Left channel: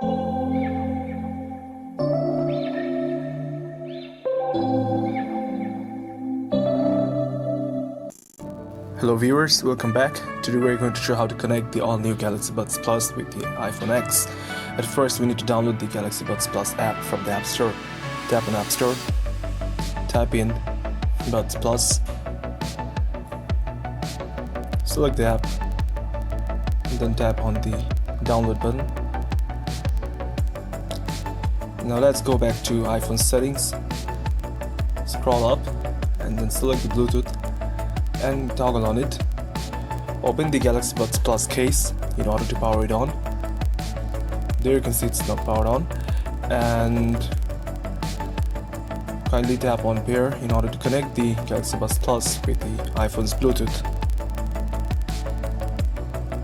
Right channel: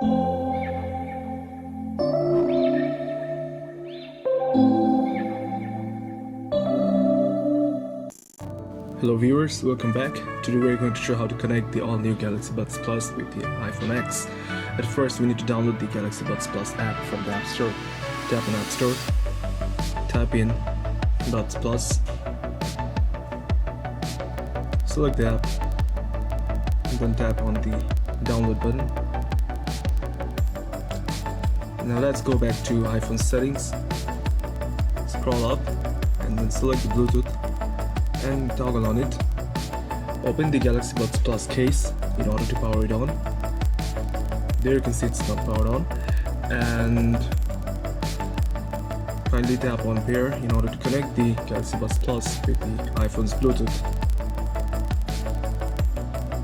Hello viewers, welcome back. Today we're going to show how to connect the all-new Galaxy Buds Plus with the iPhone X. At first we need to download the Galaxy Buds Plus app from the App Store. Tap on App Store, type in Buds Plus, select the app, and then tap on the download button. Now let's go back to iPhone settings, scroll up, and then select the Bluetooth and toggle on it. Open the Galaxy Buds Plus case in order to power it on. There you can see it's not powered on, and kindly tap on pair in order to connect the Galaxy Buds Plus with the iPhone's Bluetooth.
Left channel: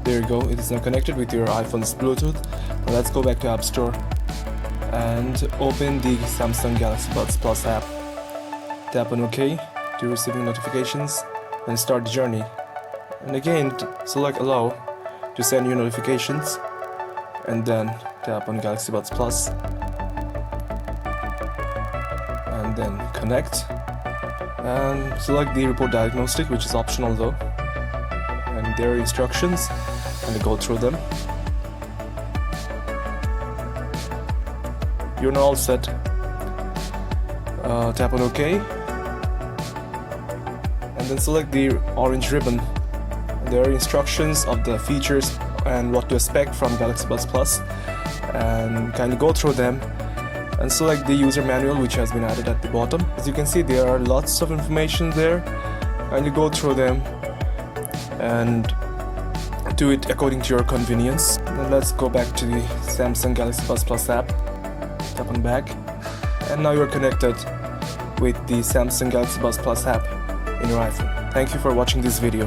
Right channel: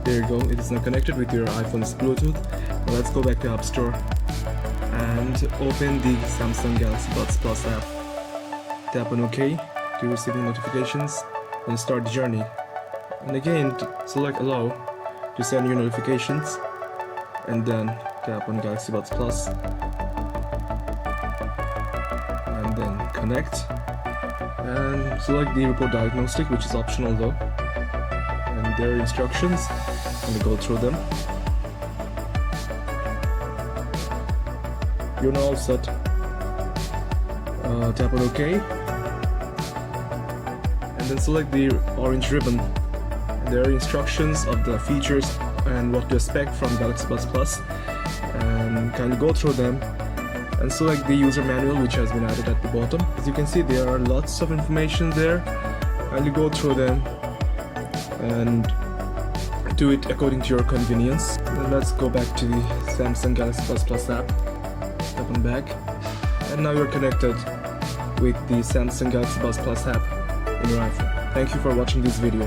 There you go, it is now connected with your iPhone's Bluetooth. Now let's go back to App Store and open the Samsung Galaxy Buds Plus app. Tap on OK to receiving notifications. Then start the journey, and again select allow to send you notifications, and then tap on Galaxy Buds Plus and then connect, and select the report diagnostic, which is optional though, and there are instructions and go through them. You're now all set. Tap on OK. Then select the orange ribbon. There are instructions of the features and what to expect from Galaxy Buds Plus, and kindly go through them and select the user manual, which has been added at the bottom. As you can see, there are lots of information there. Kindly go through them and do it according to your convenience. Then let's go back to the Samsung Galaxy Buds Plus app. Tap on back, and now you're connected with the Samsung Galaxy Buds Plus app in your iPhone. Thank you for watching this video.